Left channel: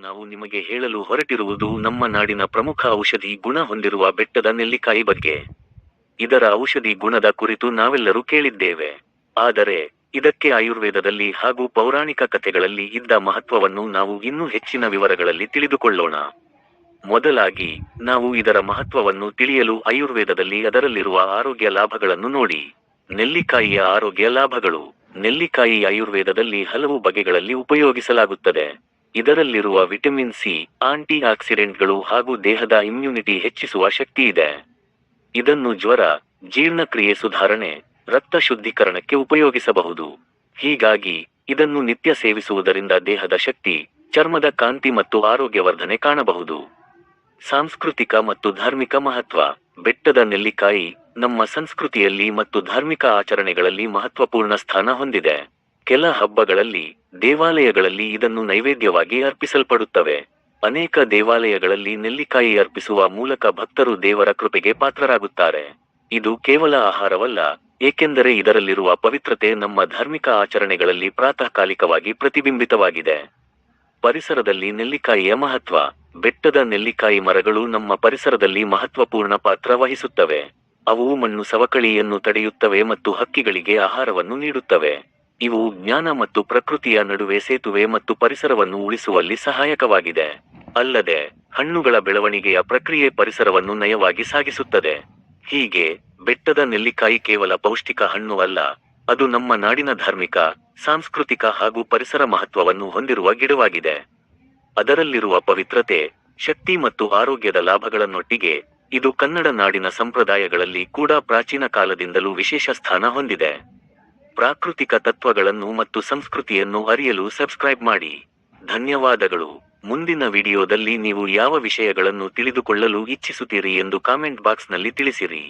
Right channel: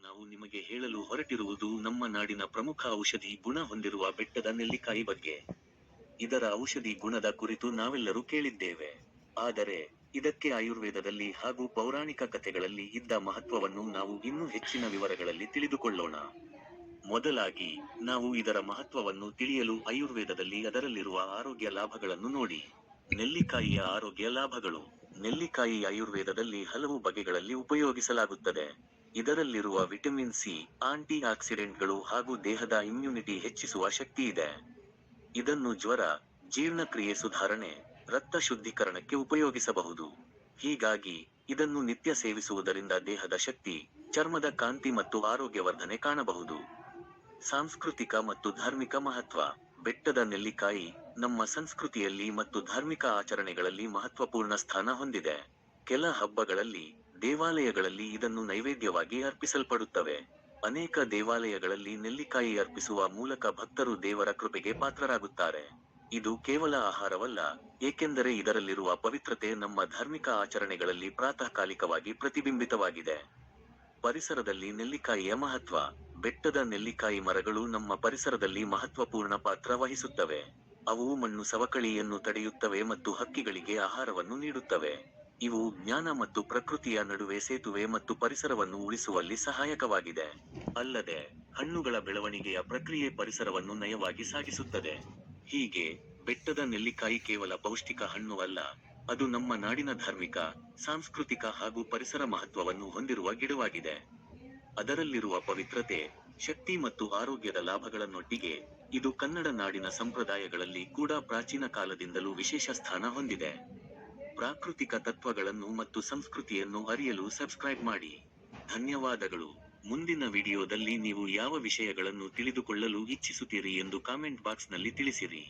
ನಾವು ನಿಮಗೆ ಹೇಳಲು ಹೊರಟಿರುವುದು ನಮ್ಮ ನಾಡಿನ ಪ್ರಮುಖ ಔಷಧಿ ಗುಣ ಹೊಂದಿರುವ ಬೆಟ್ಟದ ನೆಲ್ಲಿಕಾಯಿ ಬಗ್ಗೆ. ಇದರ ಔಷಧಿ ಗುಣದ ಕುರಿತು ನಾವೆಲ್ಲರೂ ಕೇಳಿದ್ದೇವೆ. ಆದರೆ ಇದಕ್ಕೆ ಆಯುರ್ವೇದದಲ್ಲಿ ಹಾಗೂ ಪೌರಾಣಿಕ ಕಥೆಗಳಲ್ಲಿ ಇದ್ದ ಮಹತ್ವವನ್ನು ನಾವು ಇನ್ನೂ ಹೆಚ್ಚಿನ ವಿವರಗಳಲ್ಲಿ ತಿಳಿದುಕೊಳ್ಳೋಣ. ಮೊದಲಾಗಿ ನಾವು ಇದರ ಮಹತ್ವವನ್ನು ತಿಳಿಯಲು ಆಯುರ್ವೇದದಲ್ಲಿ ಅದರಲ್ಲಿರುವ ಆರೋಗ್ಯ ಲಾಭಗಳನ್ನು ನೋಡಿ. ನೆಲ್ಲಿಕಾಯಿಯ ಆರೋಗ್ಯ ಲಾಭಗಳು. ನೆಲ್ಲಿಕಾಯಿ ಆಯುರ್ವೇದದಲ್ಲಿ ಹಲವು ಬಗೆಗಳಲ್ಲಿ ಉಪಯೋಗಿಸಲಾಗುತ್ತದೆ. ಇದರಲ್ಲಿರುವ ವಿಟಮಿನ್ ಸಿ, ಆಂಟಿ ಆಕ್ಸಿಡೆಂಟ್ಗಳು ಹಾಗೂ ದೇಹದ ಇಮ್ಯುನಿಟಿ ಹೆಚ್ಚಿಸುವ ಶಕ್ತಿ ಇದೆ. ಇದನ್ನು ಜ್ವರ, ಜೀರ್ಣಕ್ರಿಯೆ ಸುಧಾರಣೆ, ರಕ್ತ ಶುದ್ಧೀಕರಣಕ್ಕೆ ಉಪಯೋಗಿಸಬಹುದು. ಹೀಗಾಗಿ ಇದನ್ನು ನಿತ್ಯ ಸೇವಿಸುವುದರಿಂದ ದೇಹದ ಶಕ್ತಿ, ಚರ್ಮದ ಕಾಂತಿ ಮತ್ತು ಆರೋಗ್ಯವರ್ಧನೆ ಕಾಣಬಹುದು. ಸಾಂಸ್ಕೃತಿಕ ಮತ್ತು ಧಾರ್ಮಿಕ ಮಹತ್ವ. ಬೆಟ್ಟದ ನೆಲ್ಲಿಕಾಯಿ ನಮ್ಮ ಸಂಸ್ಕೃತಿಯಲ್ಲಿ ಮತ್ತು ಧಾರ್ಮಿಕ ಆಚರಣೆಗಳಲ್ಲಿ ಮಹತ್ವಪೂರ್ಣ ಸ್ಥಾನ ಹೊಂದಿದೆ. ಕೆಲ ಹಬ್ಬಗಳಲ್ಲಿ, ದೇವಾಲಯಗಳಲ್ಲಿ ಇದನ್ನು ನೈವೇದ್ಯವಾಗಿ ಅರ್ಪಿಸಲ್ಪಡುತ್ತವೆ. ಅನೇಕ ದೇವಾಲಯಗಳಲ್ಲಿ ನೆಲ್ಲಿಕಾಯಿ ಅರ್ಪಿಸುವ ಮೂಲಕ ಭಕ್ತರು ದೇವರ ಕೃಪೆಗೆ ಪಾತ್ರರಾಗುತ್ತಾರೆ. ಇದು ಕೇವಲ ಆಹಾರವಲ್ಲ, ಏಕೆಂದರೆ ಇದರಲ್ಲಿರುವ ಪವಿತ್ರತೆ ನಮ್ಮ ಧಾರ್ಮಿಕ ಆಚರಣೆಗಳಲ್ಲಿ ಪ್ರಾತಃಕಾಲಿಕವಾಗಿ ಪ್ರತಿಬಿಂಬಿತವಾಗಿದೆ. ಪರಿಸರದಲ್ಲಿ ನೆಲ್ಲಿಕಾಯಿಯ ಮಹತ್ವ. ಬೆಟ್ಟದ ನೆಲ್ಲಿಕಾಯಿ ಮರಗಳು ನಮ್ಮ ಪರಿಸರದಲ್ಲಿ ಮಹತ್ವಪೂರ್ಣ ಪಾತ್ರ ವಹಿಸುತ್ತವೆ. ಅವು ಮಣ್ಣು ಸವಕಳಿಯನ್ನು ತಡೆಯುತ್ತವೆ ಮತ್ತು ಹಕ್ಕಿಗಳಿಗೆ ಆಹಾರವನ್ನು ನೀಡುತ್ತವೆ. ಇವು ಜ್ಞಾನ ಮತ್ತು ಪ್ರಕೃತಿಯ ನಡುವೆ ಸೇತುವೆ ಮತ್ತು ಪರಿಸರವನ್ನು ಉಳಿಸುವಲ್ಲಿ ಸಹಾಯಕವಾಗಿದೆ. ಅಲ್ಲದೆ ಹಣ್ಣುಗಳ ಬೆಳವಣಿಗೆಯ ಪ್ರಕ್ರಿಯೆ ಪರಿಸರವನ್ನು ನಯವಾಗಿ ಸಾಗಿಸುತ್ತದೆ. ಹೀಗೆ ಬೆಟ್ಟದ ನೆಲ್ಲಿಕಾಯಿ ಕೇವಲ ಪೌಷ್ಟಿಕ ಹಣ್ಣು ಅಲ್ಲ, ಅದು ನಮ್ಮ ನಾಡಿನ ಧಾರ್ಮಿಕ, ಸಾಂಸ್ಕೃತಿಕ ಹಾಗೂ ಪರಿಸರ ಮಹತ್ವವನ್ನು ಹೊಂದಿರುವ ಗಿಡವಾಗಿದೆ. ಅದರಲ್ಲಿರುವ ಪವಿತ್ರತೆ, ಶಕ್ತಿ ಮತ್ತು ಆರೋಗ್ಯದ ಲಾಭಗಳನ್ನೊಟ್ಟಿಗೆ, ಇದು ಕನ್ನಡ ನಾಡಿನ ಸಂಪ್ರದಾಯಗಳಲ್ಲಿ ಕೂಡ ಪ್ರಾಚೀನ ಕಾಲದಿಂದಲೂ ವಿಶೇಷ ಸ್ಥಾನ ಹೊಂದಿದೆ. ಪ್ರಾಕೃತಿಕ ತತ್ವಗಳನ್ನು ಮತ್ತು ಸಂಸ್ಕೃತಿಯನ್ನು ಅರಿಯಲು ಸಬ್ಸ್ಕ್ರೈಬ್ ಮಾಡಿ. ಧನ್ಯವಾದಗಳು. ಮುಂದಿನ ವಿಡಿಯೋದಲ್ಲಿ ನೀವು ಯಾವ ವಿಷಯಗಳನ್ನು ತಿಳಿದುಕೊಳ್ಳಲು ಇಚ್ಛಿಸುತ್ತೀರಿ ಎಂದು ಕಾಮೆಂಟ್ ಬಾಕ್ಸ್ನಲ್ಲಿ ತಿಳಿಸಿರಿ.